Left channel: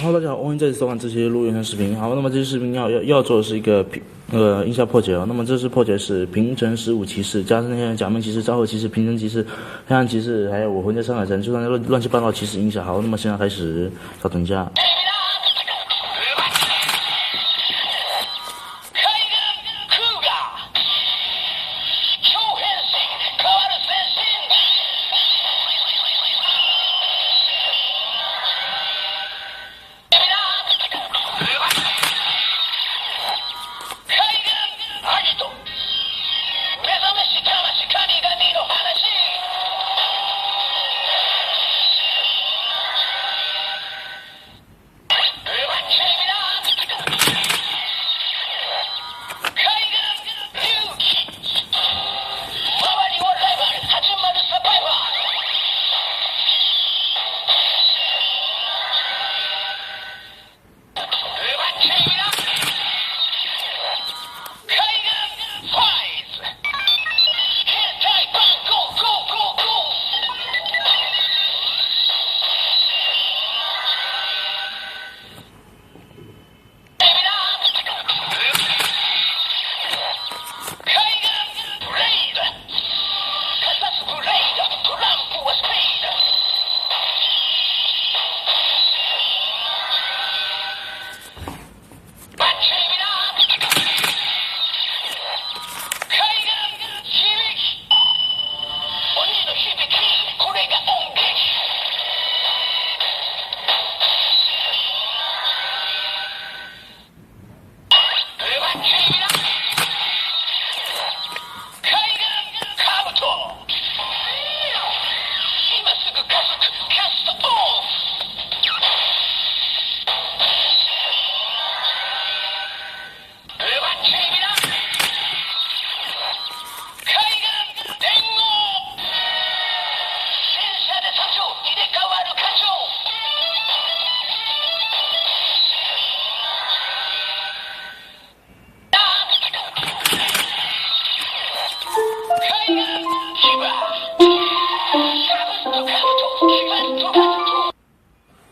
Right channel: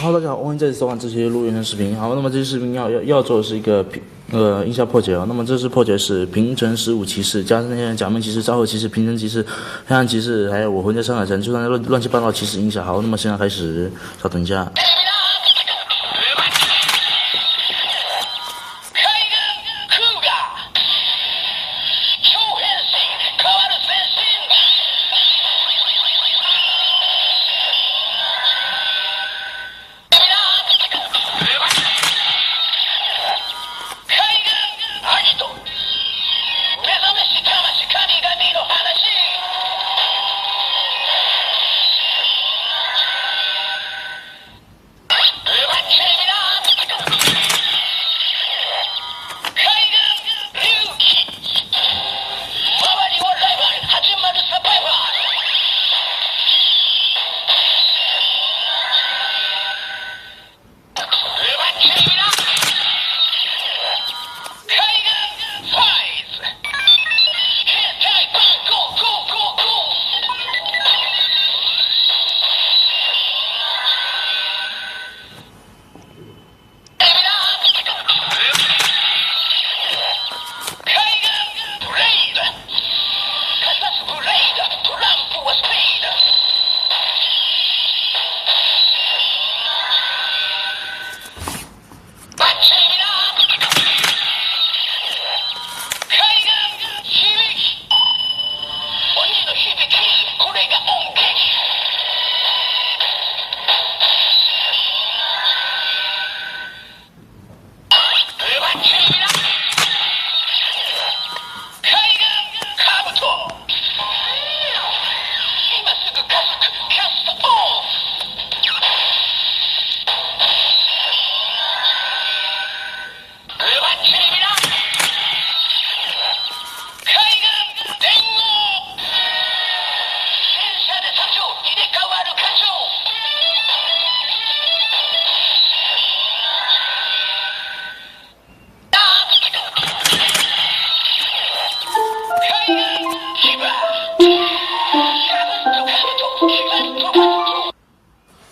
哈喽，大家好，欢迎再次收看这期录原声视频。好，那么这期视频要做的是一个音效破解哦。那么这次破解是平成15骑士加上那些假面骑士、昭和骑士、平成骑士、黑暗骑士，还有我魂在上海城，就算乱七八糟骑士音效。好，那么现在开始，稍等一下。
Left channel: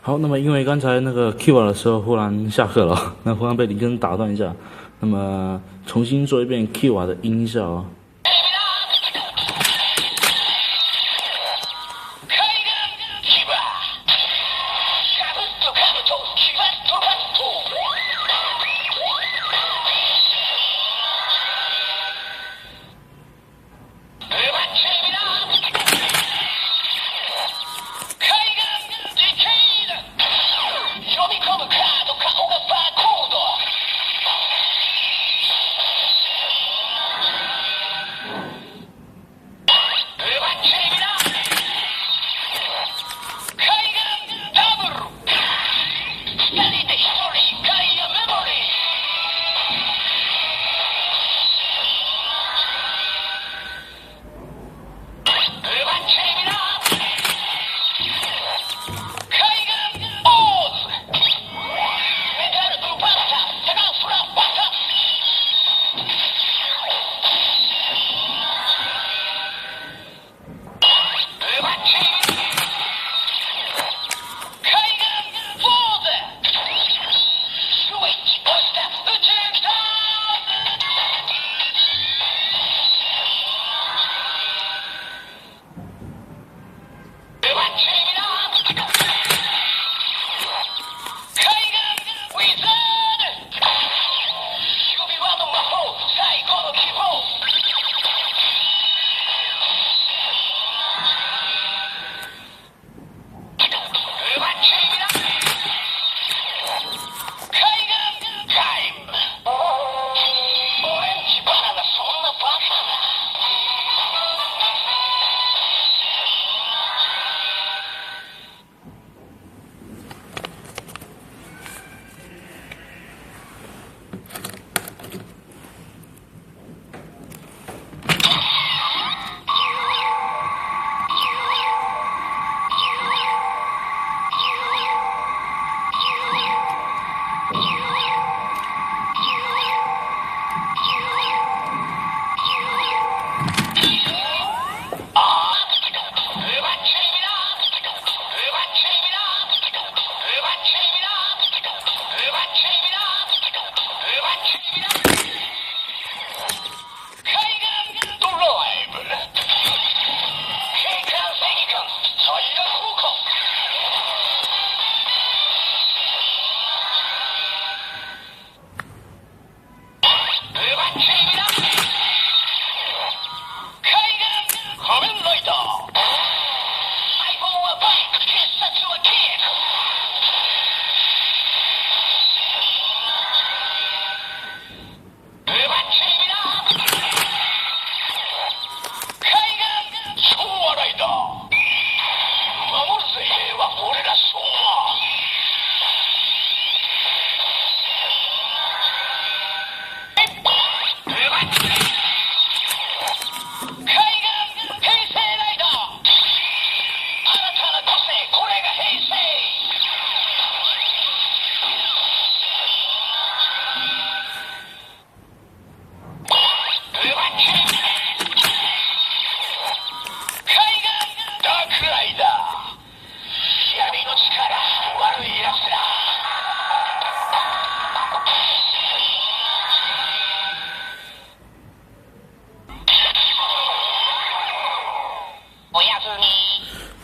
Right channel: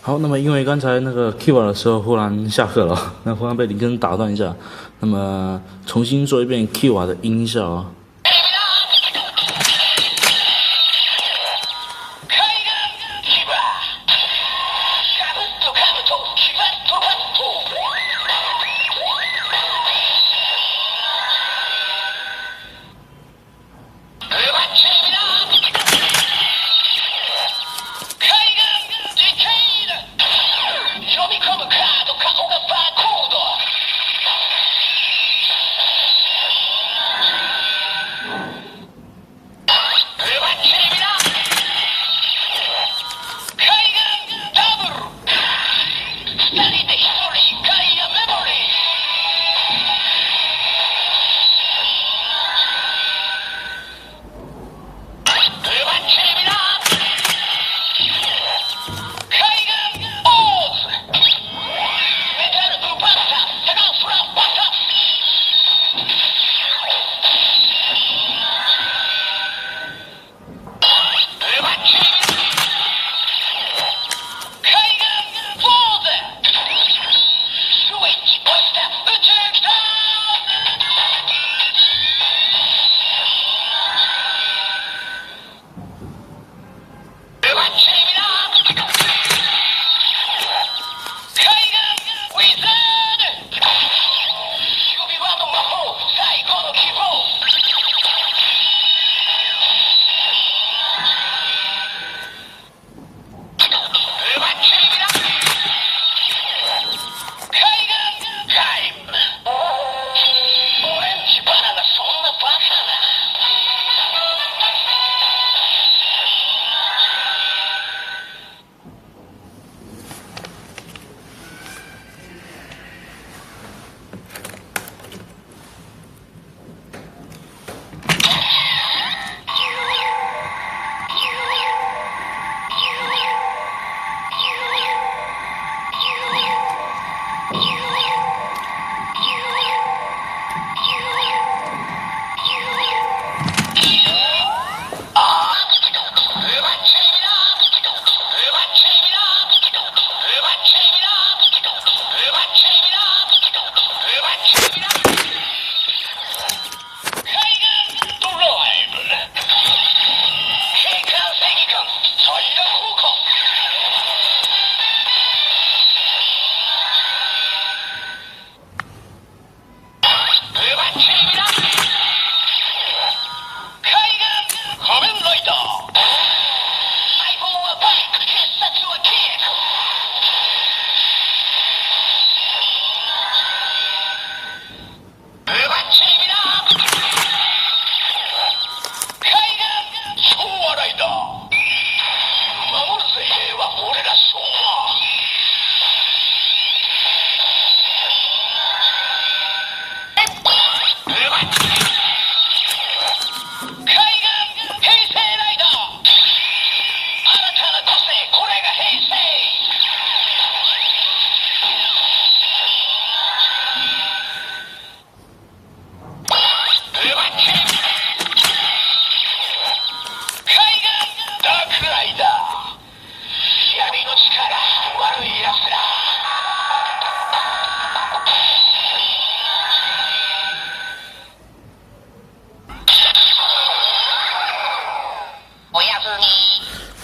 好，那么因为刚才那个 Q 的时候忽然下课了，那忽然被林根打断一下，那么重新做一遍 Q 的音效啊。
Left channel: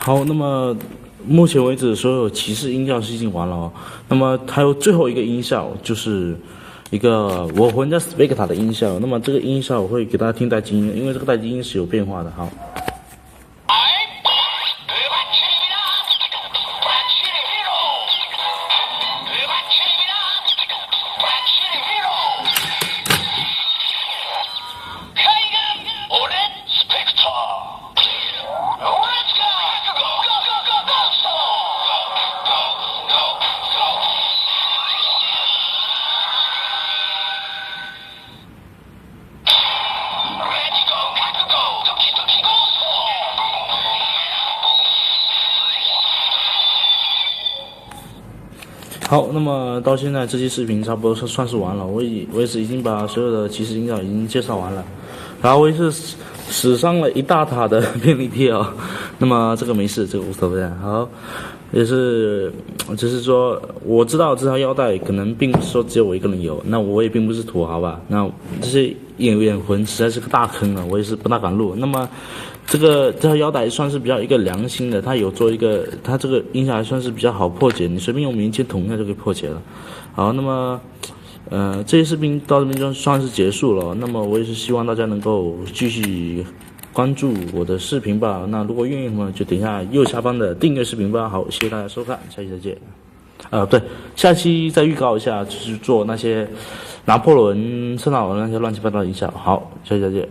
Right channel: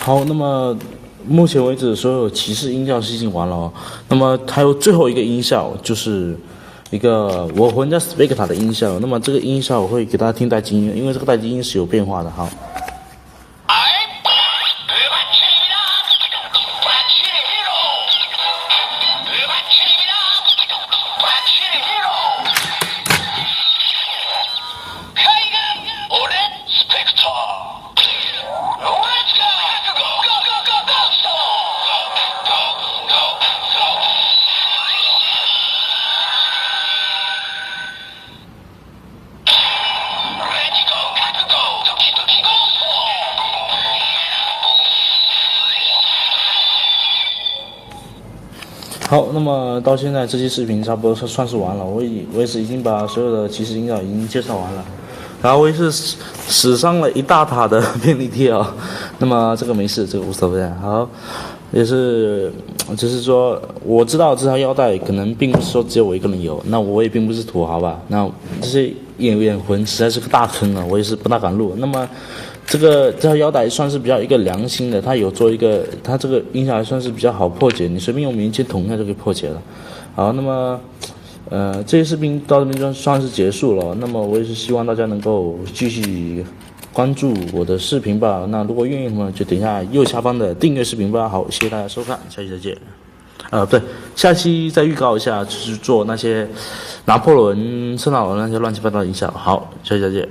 好，那么目前为止所有骑士音效是已经完了哦。那么还有最后一个音效，就是一个我魂加 Spectre 的音效。那么这个音效我会给大家听待机音，因为这个待机音是有变化的。好。好，那么到现在这期视频差不多算是完了，我也是已经把所有的骑士音效已经介绍完了，然后我也是死伤了一大塔的便利贴啊，那么这个没事，这个无所谓。好，也是就是说我知道这条腰带可能并不是说只有我一个人有，那我也并不是土豪吧，那这些眼魂实在是个大坑啊，我也是不大敢录。那么这条腰带算是比较一个良心的，它有做一个，它这个音效还算是比较好破解，你随便用棉签捅一下就可以破解了。好，那么这些视频到这边就算是结束了。那么我也是希望大家能够继续关注我的视频吧。那如果愿意的话，就点一下右下方的订阅视频吧。好，谢谢大家收看，下期再见。对，下期再预告一下，就是做那些拿破仑、圣纳伦那些乱七八糟的音效。好，下期再见。